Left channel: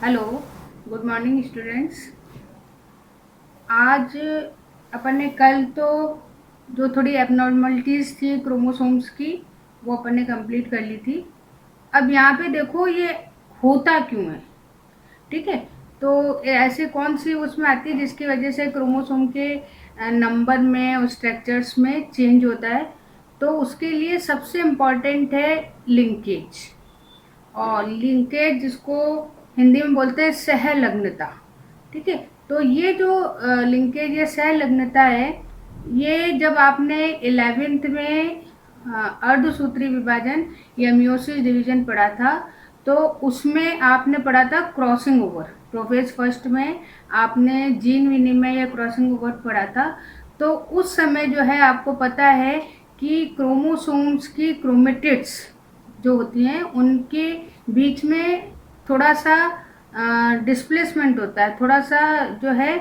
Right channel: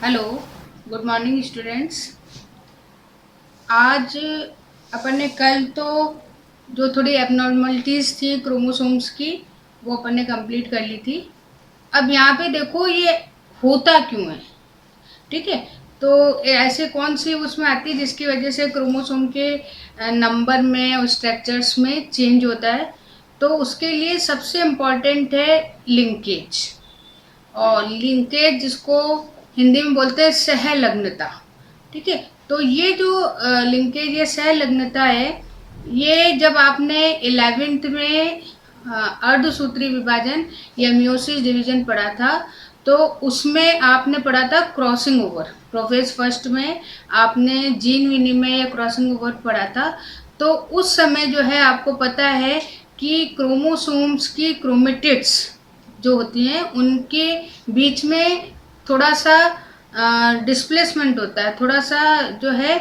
Hello, good morning students. आज अपन ने कल तो जो थोड़ी एबनॉर्मलिटीज़ थी क्रोमोसोम्स की वो अपन ने कंप्लीट कर ली थी। अब यहाँ पे देखो ये होता क्यों है, ठीक है। तो ऐसे कौन सी उसमें आती है जिसकी वजह से क्रोमोसोम के नंबर में और स्ट्रक्चर्स में चेंज होता है। तो उसके लिए सबसे इम्पॉर्टेंट है लिंकेज। और लिंकेज जिसको हिंदी में बोलते हैं सहलग्नता, ठीक है। तो ये जो लिंकेज या सहलग्नता है, ये जब आपने 11th में अर्धसूत्री विभाजन या मियोसिस डिवीजन पढ़ा था तो उसमें आपने पढ़ा था क्रॉसिंग ओवर। प्रोफेस फर्स्ट में आपने जीन विनिमय या क्रॉसिंग ओवर पढ़ा था। तो उस समय जो है आपको पता है कि क्रोमोसोम्स की क्रोमेटिड्स जो होती हैं उनके बीच में थोड़ा सा डिस्प्लेसमेंट होता है, थोड़ा सा जो है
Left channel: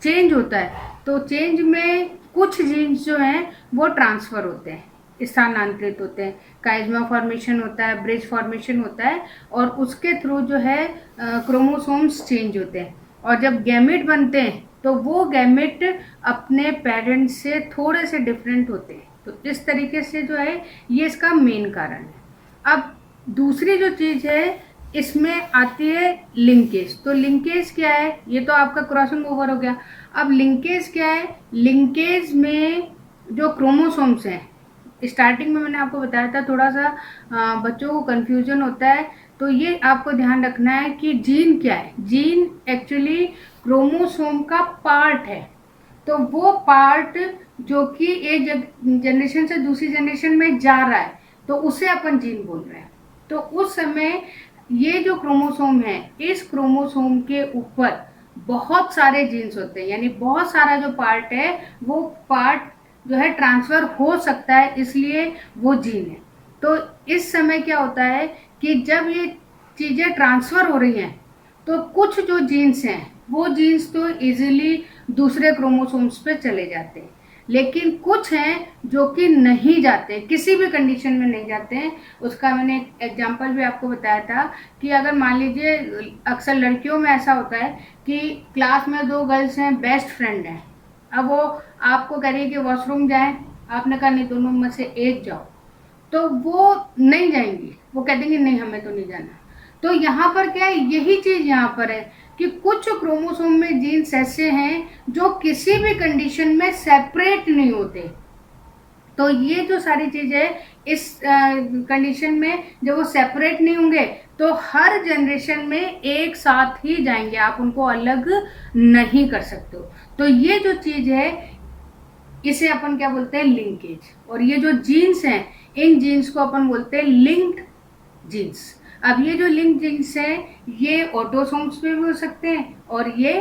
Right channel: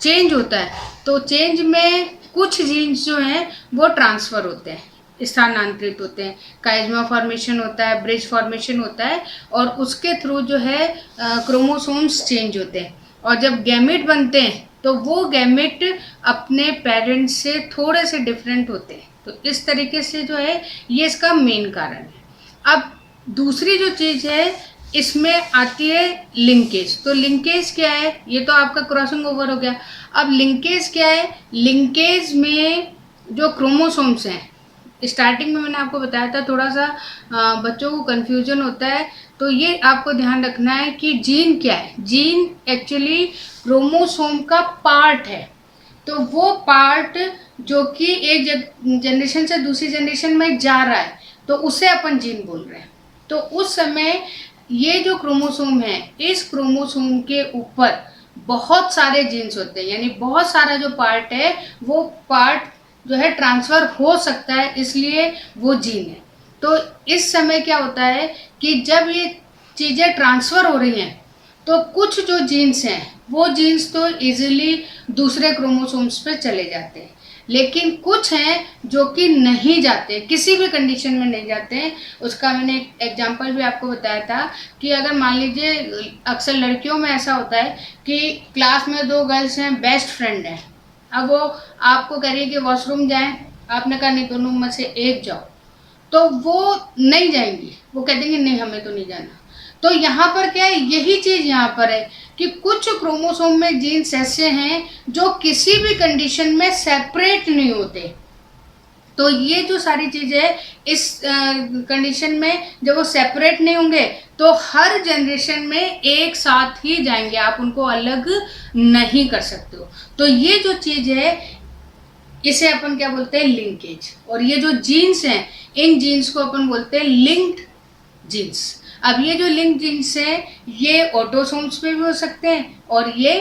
चेंज होता है। तो चेंज में कुछ जीन्स जो हैं वो ट्रांसफ़र होते हैं, स्थानांतरित होते हैं। काइज़मा फॉर्मेशन होता है, ब्रिज फॉर्मेशन होता है और उसके थ्रू जो है क्रोमोसोम्स चेंज होते हैं। और जब गैमेट बनते हैं तो वो गैमेट अपने पेरेंट्स से थोड़े से डिफरेंट होते हैं। तो इस तरीके से जो है ये इसका मेन कारण है। अब दूसरी जो चीज़ है इसमें आती है लिंकेज। तो लिंकेज क्या है, ये तो आपका क्रॉसिंग ओवर हो गया। अब लिंकेज क्या है, लिंकेज में जो क्रोमोसोम्स हैं, स्टार्टिंग में मैंने आपको बताया था थोड़ा सा बच्चों को कन्फ्यूजन होता है। तो ये आपको ध्यान रखना है कि जीन क्या है। जीन एक्चुअली क्रोमोसोम का पार्ट है। तो वो पार्ट जो कि एक जनरेशन से दूसरी जनरेशन में जा रहा है तो उसे अपन जीन बोल रहे हैं। तो उस समय ये जो क्रोमोसोम है, इस क्रोमोसोम के ऊपर बहुत सारे जीन्स होते हैं, यानी बहुत सारा जो पार्ट है वो पार्ट जो है ट्रांसफ़र हो सकता है, इसलिए वो जीन है। तो इस समय क्या होता है कि जब ये चीज़ें ट्रांसफ़र हो रही हैं तो कुछ जो जीन्स हैं वो जीन्स तो इजीली दूसरे क्रोमोसोम्स पे चले जाते हैं, लेकिन कुछ हैं जो कि नहीं जाते, किसी भी कंडीशन में नहीं जाते हैं। उसका मैंने एक एग्जांपल भी आपको बताया था कि अगर मान लीजिए अक्सर लड़कियों में ऐसा होता है कि क्लास में दो गर्ल्स हैं, बेस्ट फ्रेंड हैं। अब वो आपको कह रही है कि वॉशरूम जाएं, आपने कहा नहीं दोनों में से एक जाओ, तो वो नहीं जाएंगी, वो कह देंगी नहीं हमें तो नहीं जाना। तो यहाँ पर क्या है, यही चीज़ यहाँ पर है कि कुछ क्रोमोसोम में जीन्स ऐसे हैं जो किसी भी कंडीशन में सेपरेट नहीं होते। तो ये जो सारी चीज़ है इस कंडीशन में जब वो सेपरेट नहीं होंगे तो हर जनरेशन में एक साथ ही जाएंगे, आप उनको अलग नहीं कर सकते हो। तो ये जो चीज़ है इसे अपन क्या बोलते हैं, लिंकेज। और ये जो जीन्स हैं इन जीन्स को अपन बोलते हैं लिंक्ड जीन्स। अब ये जो लिंक जीन्स हैं ये ऑटोसोम्स पे भी हो सकते हैं और ये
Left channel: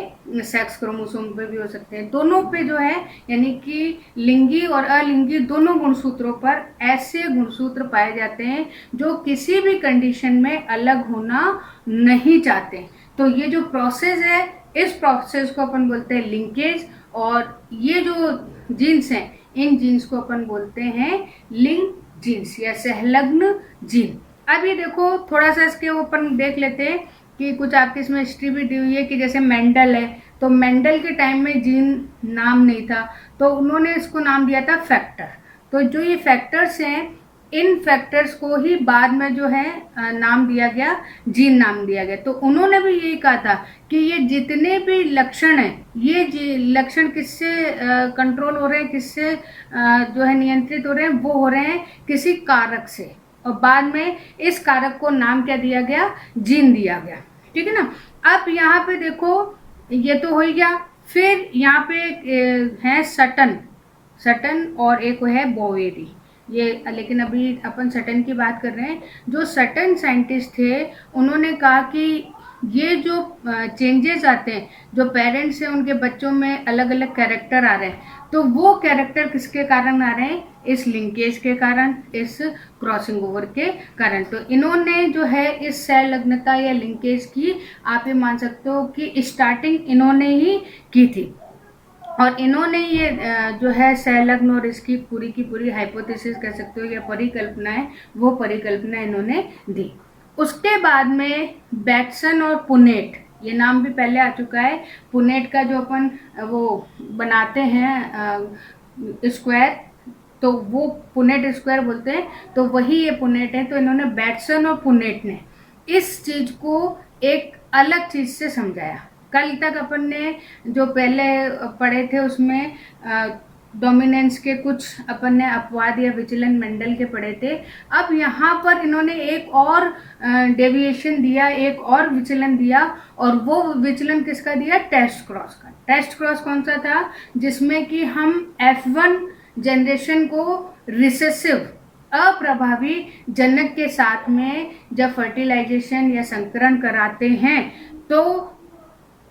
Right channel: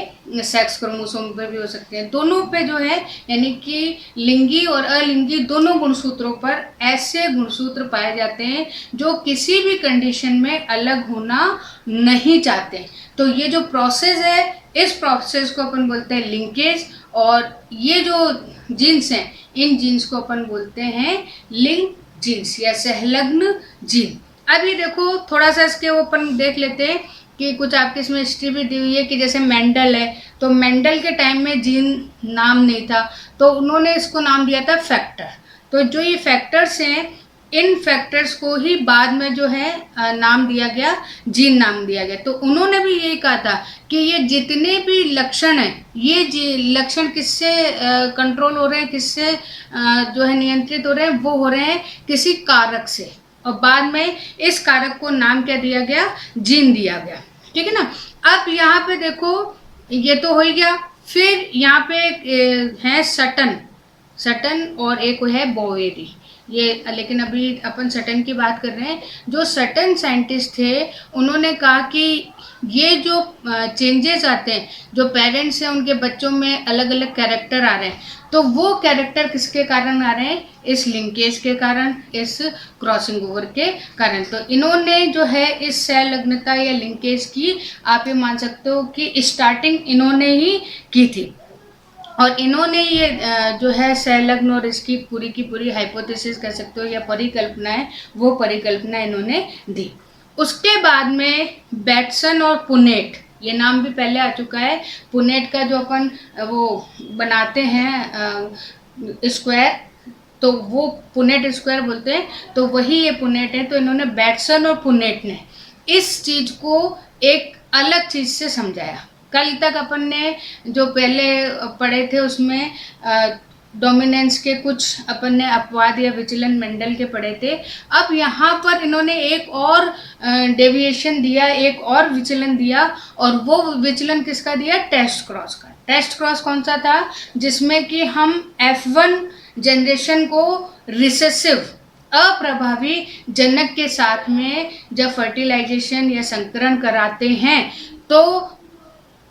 सेक्स क्रोमोसोम पे भी हो सकते हैं। दोनों पे जो है यानी कि लिंगी और अलिंगी दोनों गुणसूत्रों पर ऐसे गुणसूत्र पाए जाते हैं जो किसी भी कंडीशन में अलग होना नहीं चाहते। तो ये जो प्रोसेस है इस प्रोसेस को अपन बोलते हैं लिंकेज। और ये जो जीन्स हैं इन जीन्स को अपन बोलते हैं लिंक जीन्स या सहलग्न जीन। अब ये देखो थोड़ा सा इसके अपन देख लेते हैं कि कुछ आपके इसमें हिस्ट्री भी दी हुई है कि जैसे मेंडल है, तो मेंडल के टाइम में जीन नाम नहीं था तो उन्होंने इसको नाम दिया था फैक्टर। तो जो ये फैक्टर्स हैं इन फैक्टर्स को ही बाद में जो है नाम दिया गया, जीन नाम दिया गया। तो उन्होंने भी यही कहा था कि ये जितने भी लक्षण हैं ये लक्षण किससे कंट्रोल हो रहे हैं, किससे जो है नियंत्रित हो रहे हैं, वो हो रहे हैं किसी कारक से। और बाद में इस कारक को नाम क्या दिया गया, जीन दिया गया, ठीक है ना। अब यहाँ पे देखो ये तो हो ही गया। फिर यहाँ पे है सटन और एक है बोवेरी। ये लेकिन अभी अपन सटन की बात कर रहे हैं। जो सटन साइंटिस्ट थे उन्होंने कहा कि ये जो चेंजेस आते हैं, जो पेरेंट्स हैं उनके बच्चों में अलग अलग कैरेक्टर आ रहे हैं, तो वो कैरेक्टर किसके कारण आ रहे हैं, इस लिंकेज के कारण, इस क्रॉसिंग ओवर के कारण। तो इन्होंने जो है इस सहलग्नता या लिंकेज की आप ये मान सकते हो कि स्टार्टिंग इन्होंने ही की थी। और इन्होंने ये जो है सहलग्न और इसकी पूरी की पूरी हाइपोथेसिस कह सकते हो या परिकल्पना है, वो परिकल्पना इन्होंने दी। उसके बाद में बैटसन और पुनेट, ये नाम भी पहले आ चुका है। पुनेट का जो अपन वो बनाते हैं स्क्वायर, तो वो पुनेट स्क्वायर बोलते हैं, तो वही ये पुनेट है। तो इन्होंने बैटसन और पुनेट ने इस चीज को एक अलग चीज से समझाया। कल तक अपन ने जो पहले पढ़े थे उसमें डोमिनेंस के कुछ अपन ने अपवाद या विचलन मेंडल के पढ़े थे। अब यहाँ पर इन्होंने एक और डेविएशन दिया, एक और विचलन दिया, और वो विचलन किसका दिया? टेस्ट क्रॉस का। टेस्ट क्रॉस कौन सा था? जिसमें कि हम F1 जनरेशन को रिसेसिव अप्रभावी जनक के साथ में जब फर्टिलाइजेशन या संकरण कराते हैं तो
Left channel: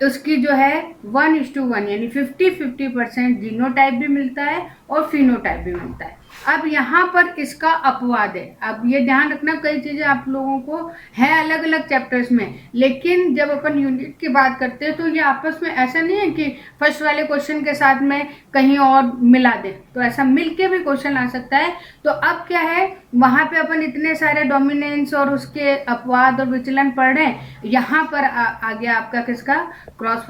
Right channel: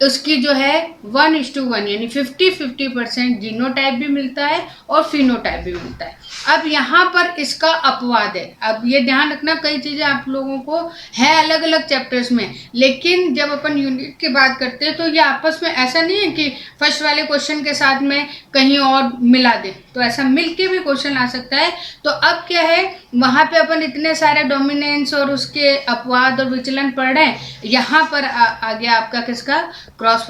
उसकी जो है 1:1 यानी 50-50% जीनोटाइप भी मिलता है और फिनोटाइप भी मिलता है। अब यहाँ पर इसका अपवाद है। अब ये ध्यान रखना, कई चीज़ें आप लोगों को है अलग अलग चैप्टर्स में, लेकिन जब अपन यूनिट की बात करते हैं तो ये आपस में ऐसा नहीं है कि फर्स्ट वाले क्वेश्चन के साथ में कहीं और मिला दें, तो ऐसा मिल के भी क्वेश्चन आ सकता है। तो अब क्या है, वहाँ पे अपन इतने सारे डोमिनेंस और उसके अपवाद और विचलन पढ़ रहे हैं, यहाँ पर आ गया आपका किसका? क्रॉस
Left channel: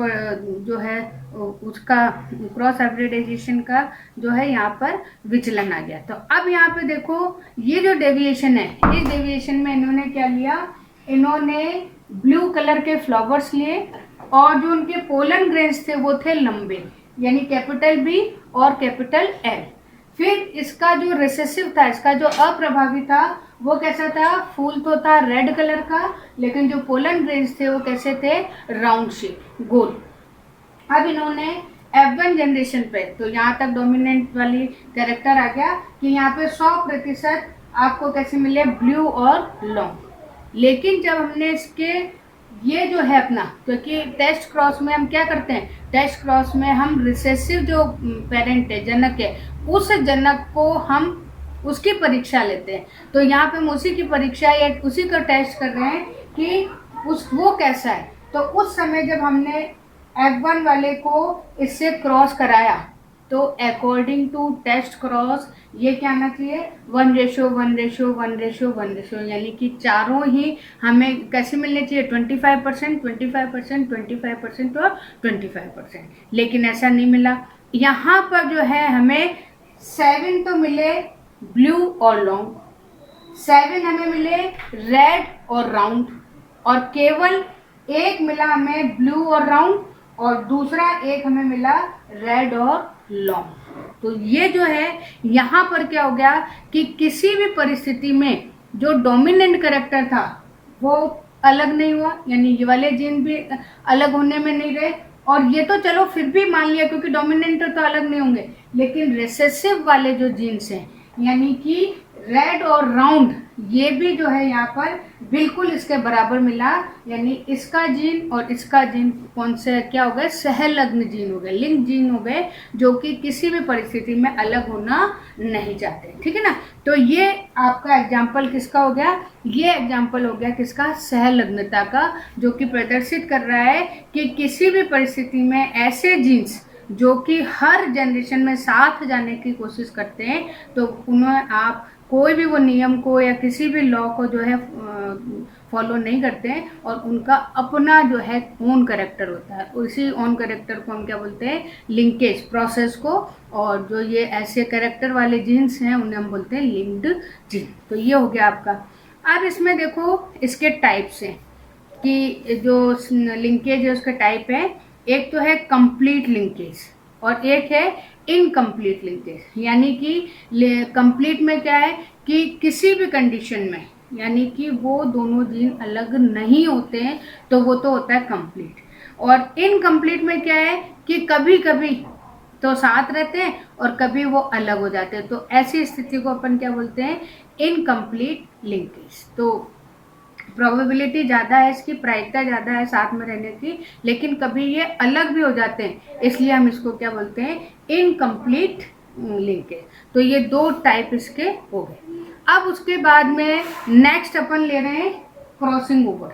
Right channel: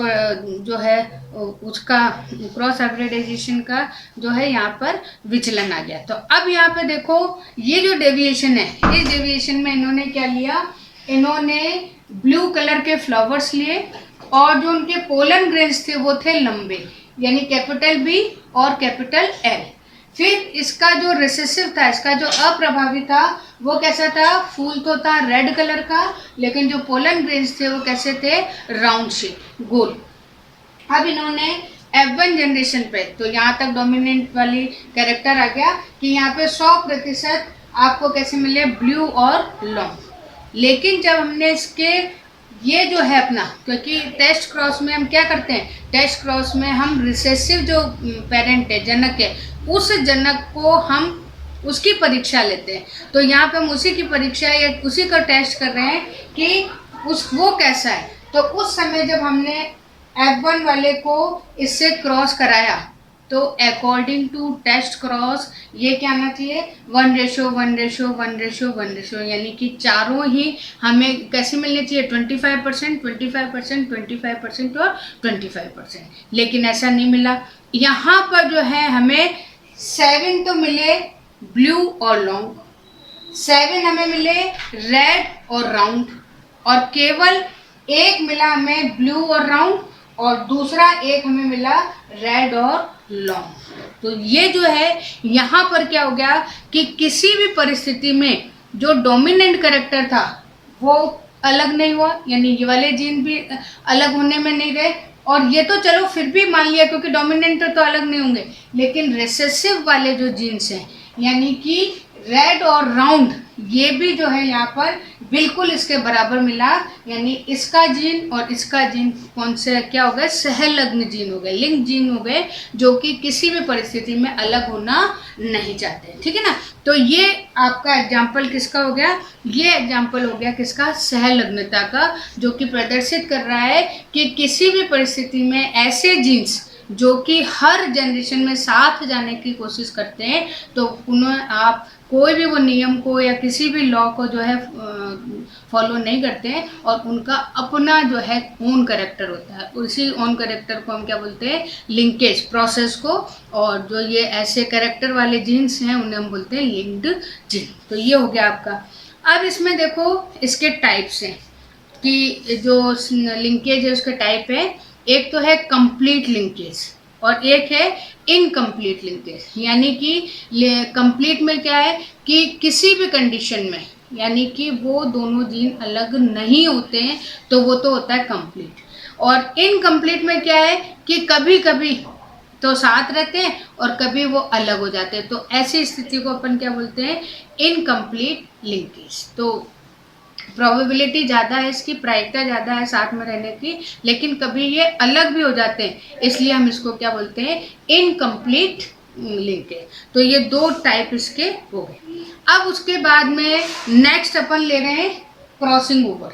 जो है उसका क्रॉस हाइब्रिडाइजेशन का जो है यहाँ पर विचलन आ गया। तो अब यहाँ पे देखो, ये जो डेविएशन है, इस डेविएशन में इन्होंने क्या लिया? इन्होंने ब्लू कलर के फ्लावर्स लिए और जो उनके पोलन ग्रेन्स थे वो थे लंबे, यानी कैपिटल B और कैपिटल L। फिर इसका जो रिसेसिव था, इसका जो अप्रभावी था, वो कैसा था? फूल तो था रेड कलर का, लेकिन जो पोलन ग्रेन्स थे वो कैसे थे? राउंड शेप, गोल। अब इन्होंने F1 जनरेशन पे, तो यहाँ तक डोमिनेंट वाली कैरेक्टर आ गया कि यहाँ पे 100% आपको कैसे मिले? ब्लू और लॉन्ग। लेकिन जब हमने इसके ये जो है अपना, क्योंकि टेस्ट क्रॉस में हम क्या करते हैं? टेस्ट क्रॉस में हम रिसेसिव जो पेरेंट है, जनक है, उस जनक को हम उसकी परीक्षा लेते हैं। तो यहाँ पे हम उसी की परीक्षा या उसी का टेस्ट कर रहे हैं कि वो कैसा है। तो उस समय जब हमने F1 वाले को इससे क्रॉस कराया तो अकॉर्डिंग टू टेस्ट क्रॉस ये क्या आना चाहिए? 1:1:1:1:1, यानी कि चारों ही हमें कैसे मिलने चाहिए? 25%, 25%, 25% और 25%। लेकिन ऐसा नहीं मिला। यहाँ पर जो है हमें 7 तो मिले ब्लू और लॉन्ग, 7 हमें मिले रेड और राउंड, और केवल एक मिला हमें ब्लू और राउंड, और दूसरा एक हमें मिला रेड और लॉन्ग। तो ये जो है यहाँ पर क्या हो गया कि किसी भी परिस्थिति में जो डोमिनेंट कैरेक्टर था वो अलग नहीं हुआ, यानी ये वाले जीन भी अलग होने में नहीं रहे। और ये तो चलो फिर भी मान लिया क्योंकि डोमिनेंट तो अलग नहीं होंगे, लेकिन रिसेसिव वाले जो जीन्स हैं, यानी कि रेड और राउंड, ये भी जो है यहाँ पर बिल्कुल इसके बराबर मिला। यानी इसका जीन और इसका जीन कौन से क्या हो गए? सहलग्न जीन हो गए, लिंक जीन हो गए, जो कि किसी भी परिस्थिति में अलग होना नहीं चाहते। ठीक है ना? तो ये आपका एग्जाम्पल किसका हो गया? ये एग्जाम्पल हो गया किसका? सहलग्नता का, जो कि प्रदर्शित कर रहा है कि किसी भी परिस्थिति में ऐसे जीन्स जो कि हर जनरेशन में साथ जाने की कोशिश करते हैं, तो उन्हें आप कोई भी वो नियम को या किसी भी लॉ को जो है फॉलो नहीं करते हैं, और उनका अपना जो है ओन कैरेक्टर होता है। उसी ओन कैरेक्टर को हम क्या बोलते हैं? लिंकेज प्रोसेस को। और जो ये ऐसे कैरेक्टर वाले जीन्स हैं उन्हें हम बोलते हैं लिंक्ड जीन। तो ये हो गया आपका। अब इसमें देखो इसके टाइप्स हैं कि जो लिंकेज है उसका टाइप है, एक तो है कंप्लीट लिंकेज और एक है इनकम्प्लीट लिंकेज। यानी कि कंप्लीट में क्या है कि किसी भी कंडीशन में, यानी कि वो दोनों जीन अलग नहीं होते हैं, तो वो तो होता है कंप्लीट। और इनकम्प्लीट में क्या है कि कभी कभी तो साथ रहते हैं और कभी वो अलग हो जाते हैं, तो ऐसी स्थिति को अपन क्या बोलते हैं? Incomplete linkage. तो प्रोबेबिलिटी ज़्यादा है, इसकी प्रायिकता ज़्यादा है साथ में रहने की, लेकिन कभी ये अलग भी हो जाते हैं, इसलिए हम इसको क्या बोलते हैं? Incomplete linkage. तो ये दो टाइप इसके हो गए। अब उसके बाद में नेक्स्ट अपन ले रहे हैं क्रॉसिंग ओवर।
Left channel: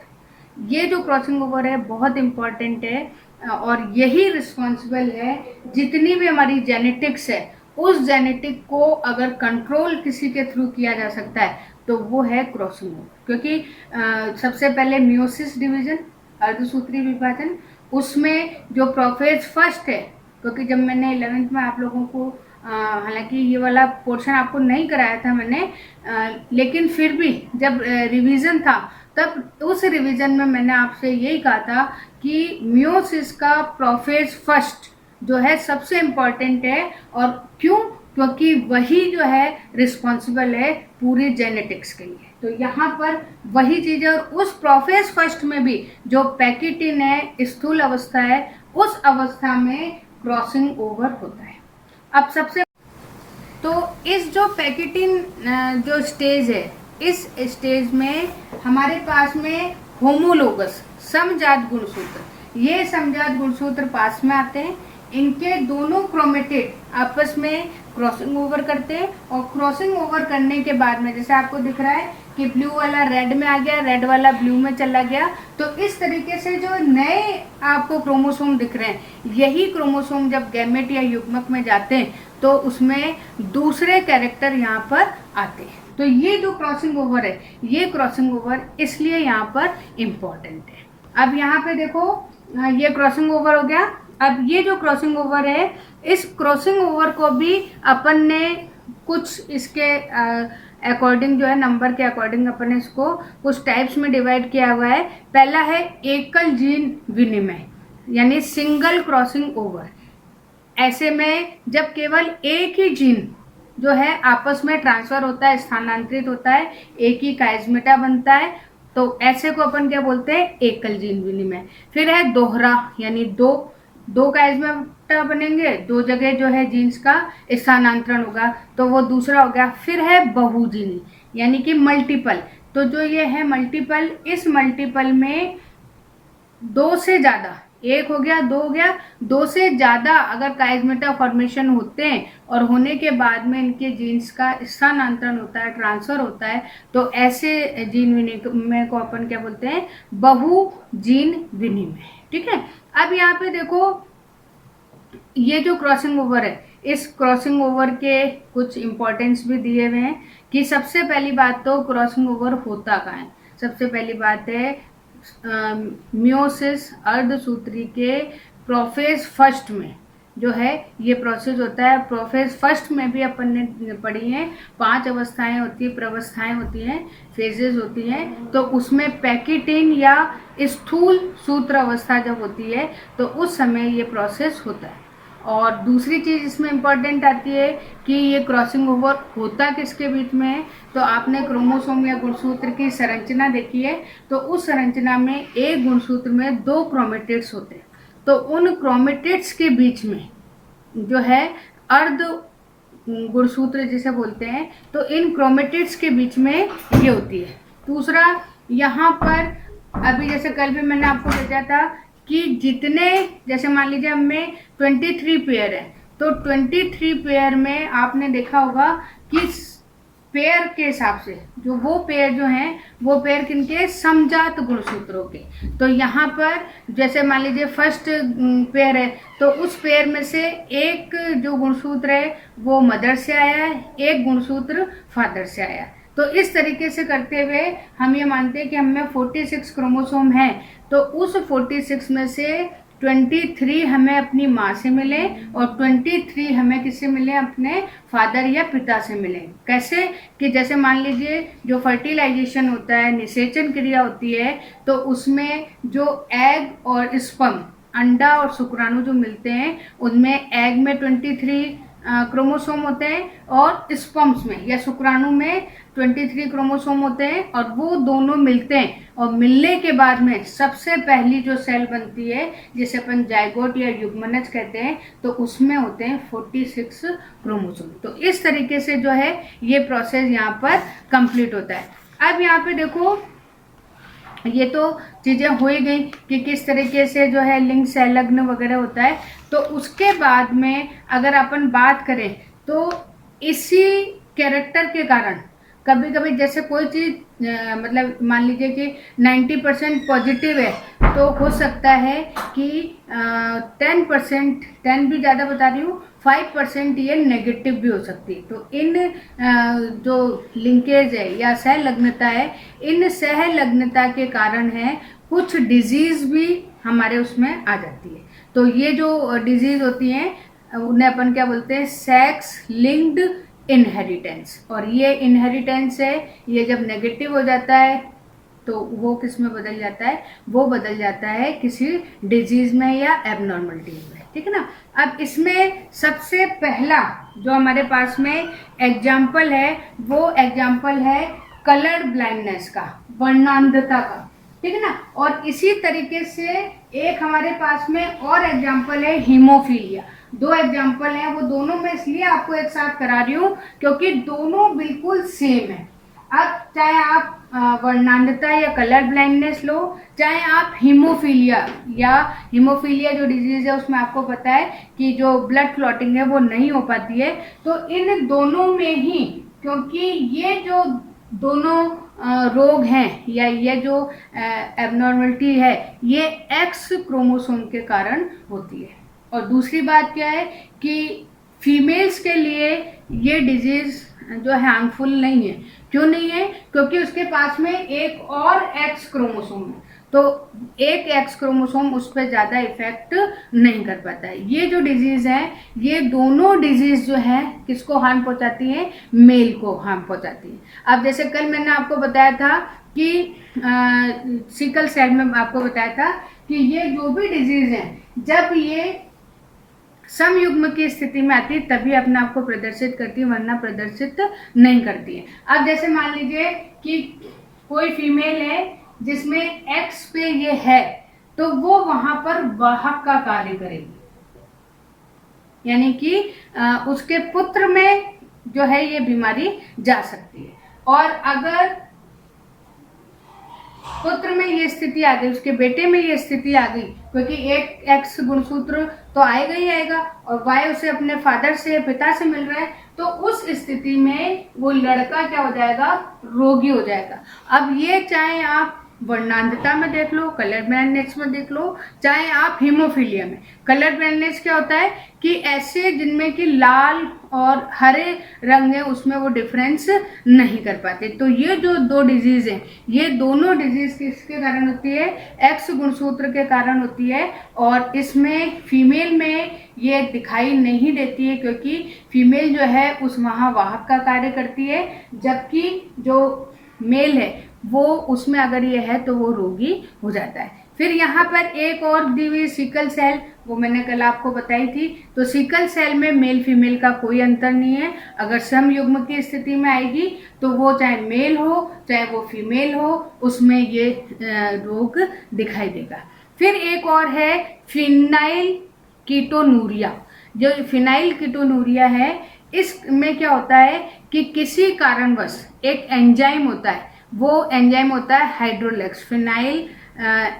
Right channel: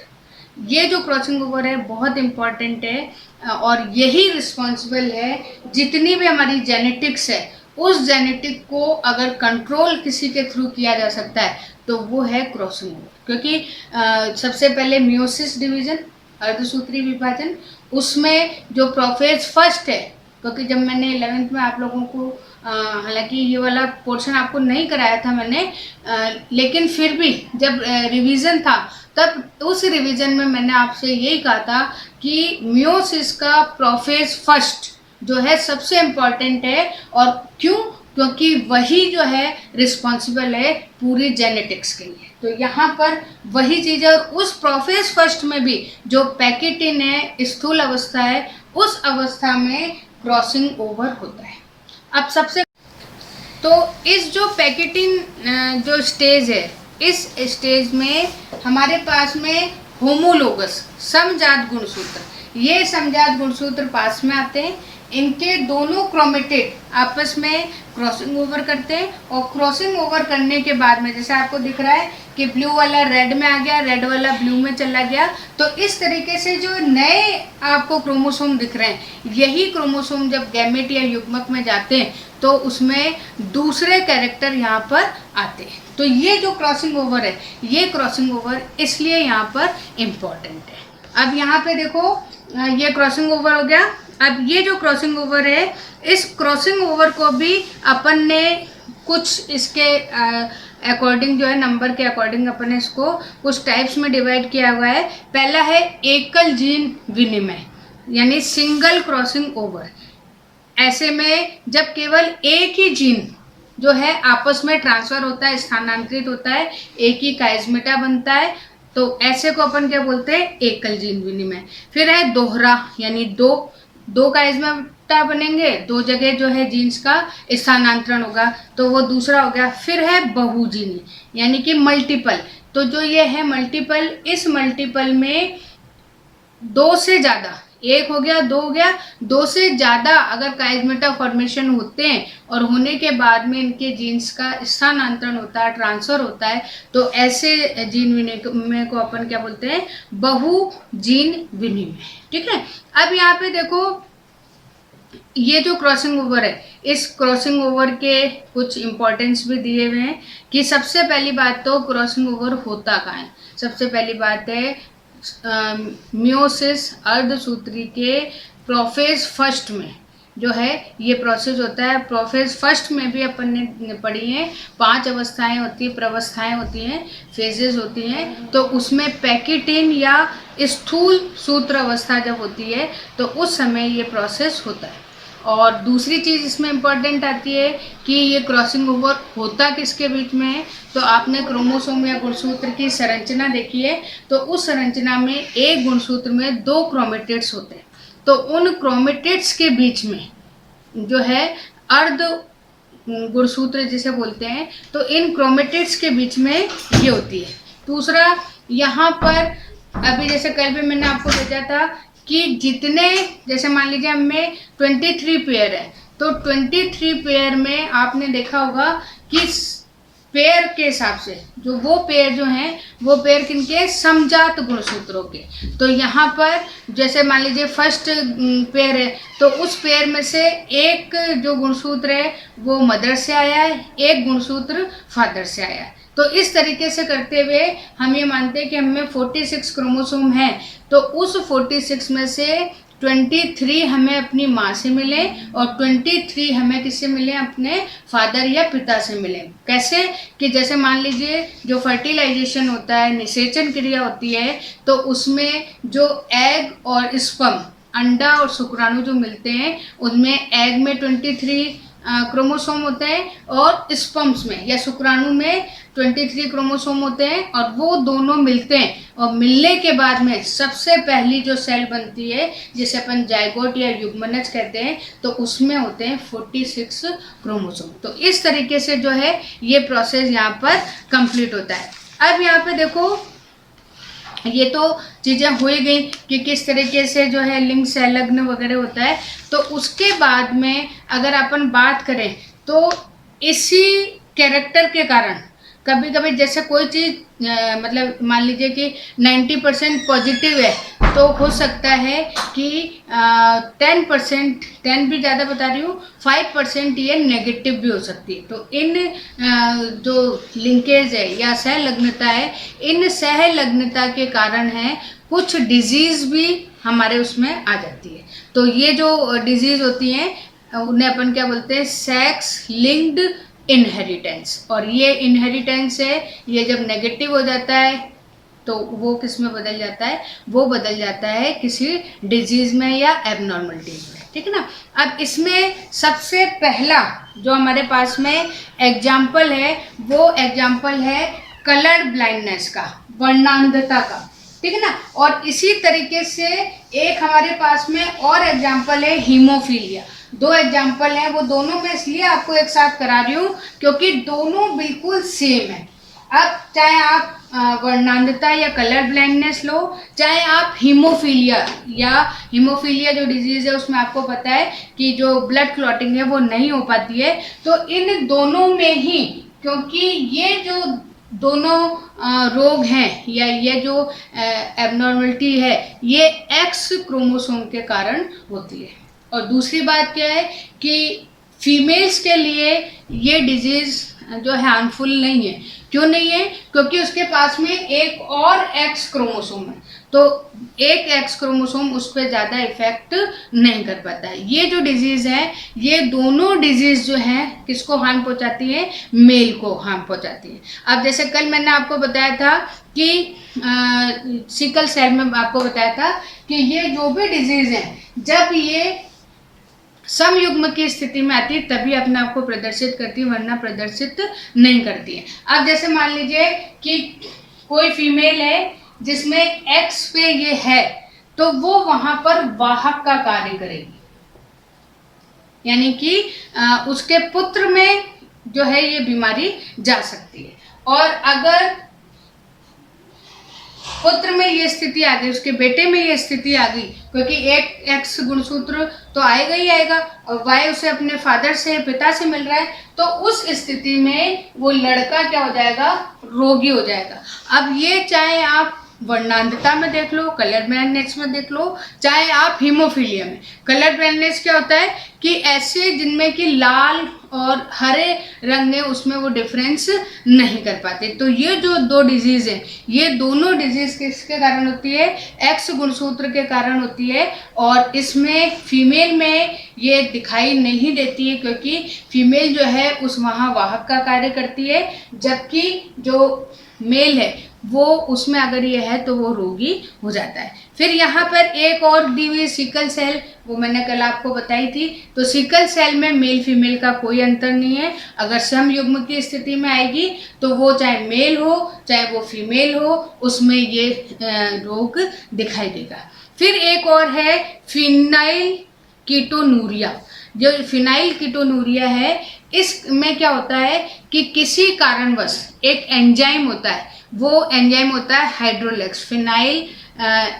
ये जो क्रॉसिंग ओवर है बहुत इम्पॉर्टेंट है, और यही रिस्पॉन्सिबल है जितनी भी हमारी जेनेटिक्स है, उस जेनेटिक को अगर कंट्रोल किसी के थ्रू किया जा सकता है तो वो है क्रॉसिंग ओवर, क्योंकि सबसे पहले मियोसिस डिवीजन, अर्धसूत्री विभाजन, उसमें जो प्रोफेज फर्स्ट है, क्योंकि जब मैंने 11th में आप लोगों को हालांकि ये वाला पोर्शन आपको नहीं कराया था मैंने, लेकिन फिर भी जब रिवीजन था तब उस रिवीजन में मैंने आपसे यही कहा था कि मियोसिस का प्रोफेज फर्स्ट जो है सबसे इम्पॉर्टेंट है। और क्यों? क्योंकि वही जो है रिस्पॉन्सिबल है पूरी जेनेटिक्स के लिए। तो यहाँ पर वही चीज़ है, और उस प्रोफेज फर्स्ट में भी जो पैकेटिन है, स्थूल अवस्था है, उस अवस्था में क्रॉसिंग ओवर होता है। अब सबसे तो इस जो पैकेटिन जो स्टेज है, इस स्टेज में हमारे पास में होमोलोगस समजात गुणसूत्र, ये समजात गुणसूत्र पास में आते हैं। इनके दोनों क्रोमेटिड आपस में क्रॉसिंग ओवर करते हैं, और क्रॉसिंग ओवर करने के बाद में जैसे आपको दिख रहा है कि ब्लू वाला रेड में आ गया, रेड वाला ब्लू में चला गया। तो इस तरीके से जो नए आपको क्रोमोसोम दिख रहे हैं, यही क्रोमोसोम जब गैमेट या युग्मक में जाते हैं तो उसमें दूसरे कैरेक्टर यहाँ पर आते हैं। तो ये जो क्रॉसिंग ओवर है, ये क्रॉसिंग ओवर इसलिए यहाँ पर इम्पॉर्टेंट है। अब यहाँ पे देखो, ये क्रॉसिंग ओवर हो गया। अब ये जो क्रॉसिंग ओवर है, इस क्रॉसिंग ओवर को भी अपन ने कुछ इसके अकॉर्डिंग जो है, नंबर के अकॉर्डिंग अपन ने इसको कुछ टाइप्स में डिवाइड किया हुआ है। पहला है एकल जीन विनिमय, यानी सिंगल क्रॉसिंग ओवर। ऐसे में जब केवल एक ही जीन जो है आपस में ट्रांसफ़र होता है, स्थानांतरित होता है, एक ही काइज़मेटा बनता है, तो ऐसे को अपन क्या बोलते हैं? एकल जीन विनिमय। फिर है दोहरा, यानी दो काइज़मेटा बनेंगे, दो जगह जो है जीन्स का स्थानांतरण होगा, तो वो दूसरा हो गया। फिर है बहुजीनी, यानी कि मल्टीपल। तो जो ये है मल्टीपल, इस मल्टीपल में दो से ज़्यादा, एक हो गया, दो हो गया, दो से ज़्यादा अगर काइज़मेटा फॉर्मेशन होते हैं और होने के बाद में इनके जीन्स का स्थानांतरण होता है, ट्रांसफ़र होता है, तो ऐसे जीन विनिमय को अपन क्या बोलते हैं? बहुजीन विनिमय। ठीक है। अब यहाँ पे देखो, ये जो क्रॉसिंग ओवर है, इस क्रॉसिंग ओवर के कुछ इम्पोर्टेंस भी दिए हुए हैं कि सबसे पहली बात तो क्रॉसिंग ओवर होता कहाँ है। सबसे पहली बात है मियोसिस अर्धसूत्री के प्रोफेज फर्स्ट में जो है ये प्रोसेस होता है। प्रोफेज फर्स्ट में भी अपन ने पढ़ी हैं, 5 अवस्थाएं होती हैं, प्रवस्थाएं होती हैं, फेजेस होती हैं। तो उसमें पैकेटिन या स्थूल सूत्र अवस्था जब होती है तो उस समय ये प्रोसेस होता है। और दूसरी चीज़ इसमें इम्पॉर्टेंट आती है कि ये क्रॉसिंग ओवर होता किसके बीच में है। तो आपने क्रोमोसोम या गुणसूत्र की संरचना देखी है, तो उस संरचना में एक गुणसूत्र में 2 क्रोमेटिड्स होते हैं। तो उन क्रोमेटिड्स के बीच में जो है अर्ध गुणसूत्र जिसे बोलते हैं, तो इन क्रोमेटिड्स के बीच में ये होती है। दूसरा, यहाँ पर अभी जैसे कल भी मैंने आपको भेजा था कि जितने, जैसे मान लीजिए हमें 23 पेयर है, तो 23 पेयर में आपने देखा होगा कि पेयर के हिसाब से जो वो पेयर जो हैं, वो पेयर किनके? समजात गुणसूत्रों के। तो यहाँ पर जैसे मान लीजिए फर्स्ट पेयर है, तो उस पेयर में से एक जो गुणसूत्र है वो मदर से आया है, एक गुणसूत्र फादर से आया है। तो इस तरीके से करते हुए हम ये मानते हैं कि हमें 46 क्रोमोसोम हैं, तो उस 46 में से 23 हमें अपनी माँ से मिले और 23 हमें किससे मिले? अपने फादर या पिता से मिले। कैसे? कि जैसे मान लीजिए जो फर्टिलाइजेशन होता है, निषेचन क्रिया होती है, तो उसमें जो एग और स्पर्म, अंडा और शुक्राणु जो मिलते हैं, उनमें एग में 23 क्रोमोसोम होते हैं और स्पर्म्स में या शुक्राणु में 23 क्रोमोसोम होते हैं, और वो दोनों मिलते हैं, और मिलने के बाद में सबसे पहली जो सेल बनती है जिसे अपन जाइगोट या युग्मनज कहते हैं, तो उसमें होते हैं 46 क्रोमोसोम। तो इस तरीके से जो है ये प्रोसेस यहाँ पर कंप्लीट होता है। अब यहाँ पे देखो, ये तो चीज़ें हो ही गई कि किस तरीके से जो है लिंग संलग्न वगैरह होता है। तो उसके बाद में अगर अपन बात करें तो इसी कैरेक्टर के कारण कभी कभी जैसे कोई चीज़ मतलब मान लीजिए कि 90% पॉजिटिव है, तो हो सकता है कि 10%, 10 भी ज़्यादा बता रही हूँ, 5% ये नेगेटिव भी हो सकती है। तो इन जो लिंकेज है या सहलग्नता है, इन सहलग्नता के कारण है कुछ डिजीज़ भी हमारे उसमें आ जाती है। तो ये जो डिजीज़ होती हैं उन्हें अपन क्या बोलते हैं, सेक्स लिंक्ड इनहेरिटेंस। और ये इनहेरिटेंस है, ये जब नेगेटिव हो जाता है तो वो किस में बदल जाता है, वो बदल जाता है किसी डिजीज़ में या एबनॉर्मलिटीज़ में, ठीक है ना। अब इसमें सबसे पहला जो हमारे पास में एग्जाम्पल है, वो एग्जाम्पल है कलर ब्लाइंडनेस का, वर्णांधता का, ठीक है ना। और इसी तरीके से एक हमारे पास में और एग्जाम्पल है हीमोफीलिया। दो एग्जाम्पल हैं, वो दोनों मैं इसलिए आपको एक साथ करा रही हूँ क्योंकि दोनों बिल्कुल सेम है। अब चाहे आप वर्णांधता या कलर ब्लाइंडनेस लो, चाहे आप हीमोफीलिया जो डिजीज़ है उसमें आपको पता है कि जो ब्लड क्लॉटिंग है वो नहीं हो पाती है। तो इन दोनों में ही, क्योंकि ये जो दोनों रोग हैं या ये जो एबनॉर्मलिटी है, ये एक्स क्रोमोसोम के कारण होती है। और दूसरी बात क्या है कि फीमेल्स के लिए ये डिजीज़ जो है हार्मफुल नहीं है। क्यों नहीं है? क्योंकि उसके पास में एक और एक्स क्रोमोसोम है, तो एक एक्स क्रोमोसोम उस पर ज़्यादा इफेक्ट नहीं कर पाता है। ये जो डिजीज़ है, ये दोनों डिजीज़ जो है किसको हार्म पहुंचाती हैं? मेल को हार्म पहुंचाती हैं। अब जैसे कल मैंने आपको बताया था कि सिकल सेल में आपको बताया था कि ये जो भी डिजीज़ हैं, जब ये समयुग्म की स्थिति में आती है तभी अपने आप को प्रदर्शित करती है, वरना प्रदर्शित नहीं करती है। अब जैसे मान लीजिए कि कोई फीमेल है जिसमें एक्स पे ये है, तो वो वहां पर वाहक का कार्य करेगी, यानी कि उसके पुत्र में जो है ये बीमारी जा सकती है। और अगर पुत्र में ये स्थिति आ गई, उसके बेटे में ये स्थिति आ गई, क्योंकि एक एक्स गुणसूत्र तो आएगा ही आएगा और वाई उसे अपने फादर से, पिता से मिल रहा है, तो उस स्थिति में वो लड़का क्या हो जाएगा? रोगी हो जाएगा। अब ये चाहे आप वर्णांधता में देख लो, कलर ब्लाइंडनेस में देख लो, चाहे आप हीमोफीलिया में। कलर ब्लाइंडनेस क्या होता है कि ऐसे जिनमें कि लाल और हरे रंग है, उसमें वो डिफरेंस नहीं कर पाते। तो ये जो दो डिजीज़ हैं, ये दोनों डिजीज़ किसके कारण होती है? एक्स गुणसूत्र के कारण होती है। और इसमें फीमेल में ये दिखाई नहीं देती है, क्योंकि फीमेल जो है उस वहाँ वाहक का कार्य करती है, जबकि जो मेल है वो उसमें अगर ये है तो वो रोगी हो जाता है। फिर यहाँ पर एक और दी हुई सिकल सेल, वो मैंने कल आपको बताई थी। तो सिकल सेल में मेल फीमेल का कोई अंतर नहीं है। अगर समयुग्म की स्थिति में आएगी तो वो चाहे मेल हो चाहे वो फीमेल हो, उसमें ये रोग दिखाई देगा। फिर एक और है फिनाइल कीटोनूरिया। जो फिनाइल कीटोनूरिया है, इसमें क्या होता है कि किसी कारणवश एक एंजाइम होता है, वो एंजाइम होता है हाइड्रोलेक्स, फिनाइल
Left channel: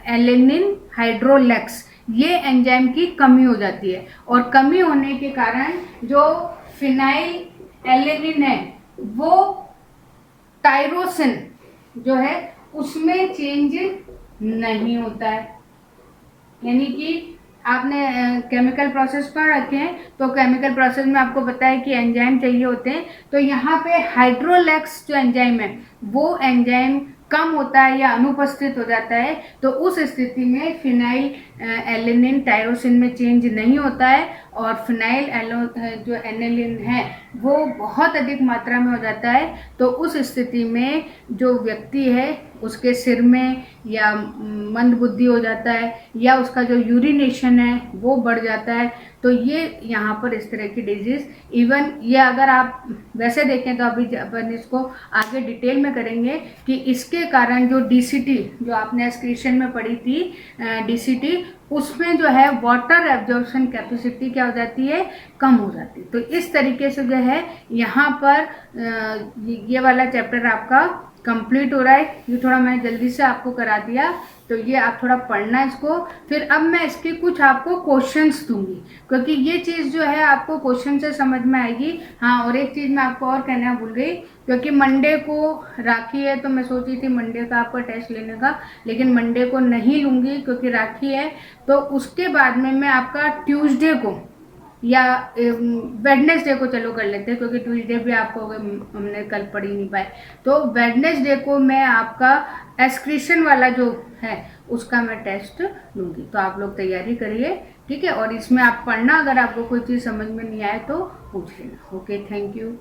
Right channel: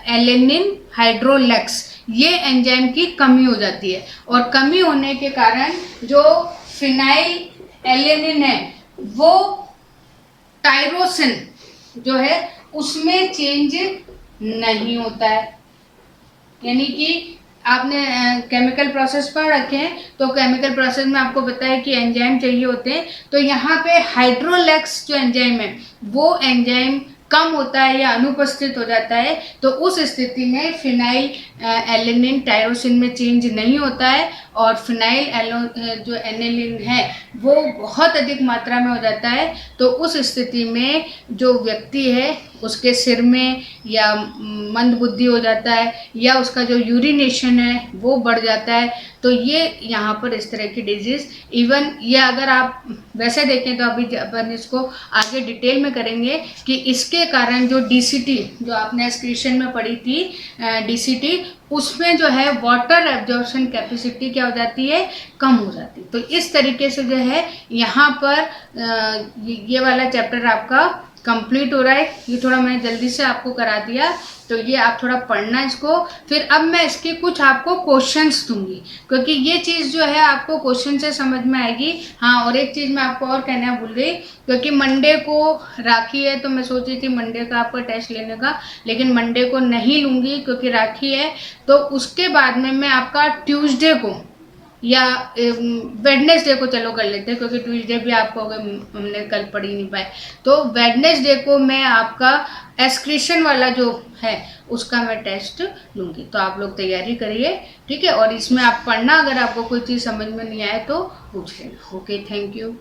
एलेनिन हाइड्रोलेक्स। ये एंजाइम की कमी हो जाती है, और कमी होने के कारण जो फिनाइल एलेनिन है वो टायरोसिन जो है उसमें चेंज नहीं होता है। यानी कि आपने केमिकल प्रोसेस पढ़ रखे हैं, तो केमिकल प्रोसेस में आपको पता है कि एंजाइम चाहिए होते हैं। तो यहाँ पे हाइड्रोलेक्स जो एंजाइम है वो एंजाइम कम होता है या अनुपस्थित हो जाता है, तो उस स्थिति में फिनाइल एलेनिन टायरोसिन में चेंज नहीं होता है, और फिनाइल जो एनेलिन है वो बहुत अधिक मात्रा में हो जाता है। तो उस स्थिति में जो व्यक्ति है उसके सिर में या मंदबुद्धि हो जाता है, या उसका जो यूरिनेशन है वो बढ़ जाता है। तो ये यहाँ पर इस तरह की डिजीज़, इवन ये अगर आप वैसे देखें तो अभी अपन इसको आगे डिटेल में करेंगे कि इसके कारण जो DCT जो आपने एक्सक्रीशन में पढ़ी थी, DCT, उसमें जो है वाटर एब्जॉर्प्शन कैपेसिटी क्या हो जाती है? कम हो जाती है। तो इस तरीके से जो है यहाँ पर ये वाला चैप्टर आपका कंप्लीट हो रहा है। ये थोड़ा मैंने जल्दी से आपको करा दिया, तो ये आप थोड़ा पढ़ना इसको। फिर अब मैं इसके कुछ आपको क्वेश्चंस दूंगी, क्योंकि ये चीज़ जो है आपको क्वेश्चन से समझ में आएगी। हाँ, और एक चीज़ मैं आपको और कहना भूल गई, क्योंकि मंडे को राखी है, तो मैं सोच रही थी मंडे का आपका टेस्ट लेने का, लेकिन मंडे को नहीं लूँगी क्योंकि राखी है। तो उसके बाद में मैं आपका ट्यूसडे को या वेडनेसडे को चलो कर लेते हैं, क्योंकि ट्यूसडे भी आपको हमने कल पढ़ ही नहीं पाए। तो वेडनेसडे को मैं आपका एस्क्रीशन वाला जो है उसका मैं टेस्ट लूँगी। तो आप लोग तैयारी करिए, ठीक है। और इसमें आप पढ़ना, अगर आपको कोई चीज़ समझ में नहीं आए तो पूछ लेना। Okay, thank you.